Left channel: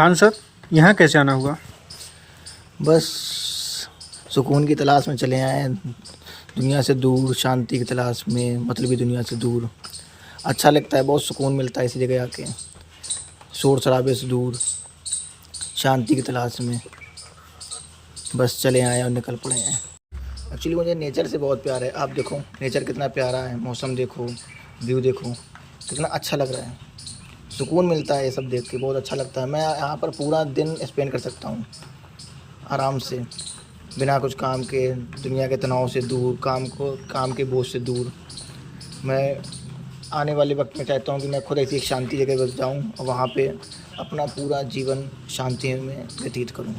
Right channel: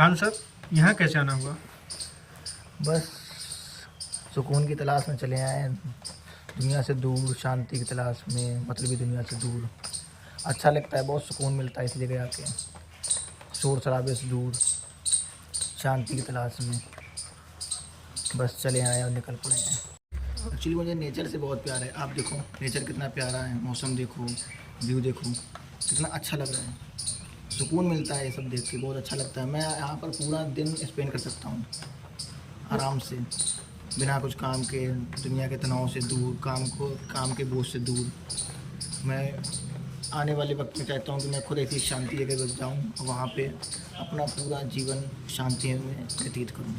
खान साहब, यहाँ कैसे आना हुआ? बस सुकून की तलाश में चले आए हैं, दुनिया से दूर, शांति की तलाश में, मतलबी दुनिया से दूर। अच्छा लगता है, बहुत सुकून मिलता है इसी जगह आके, शोर शराबे से दूर, शांति की तलाश में। बस चले आए और निकल पड़े हैं। एक्चुअली मुझे नेचर से बहुत प्यार है। आप देखो नेचर कितना प्यारा है, मौसम देखो, व्यू देखो, कितना अच्छा लग रहा है। सुकून मिलता है ये सब देख के, बहुत अच्छा लगता है। मैं यहाँ पर पूरा दिन स्पेंड कर सकता हूँ आराम से, बिना कुछ काम के, दुनिया के तनाव से दूर, काम के बोझ से दूर। मैं आने वाले वक्त में चाहता हूँ कि मैं खुद ऐसी एक शांति जगह बस जाऊँ और वहाँ पे अपना पूरा जीवन शांति में व्यतीत करूँ।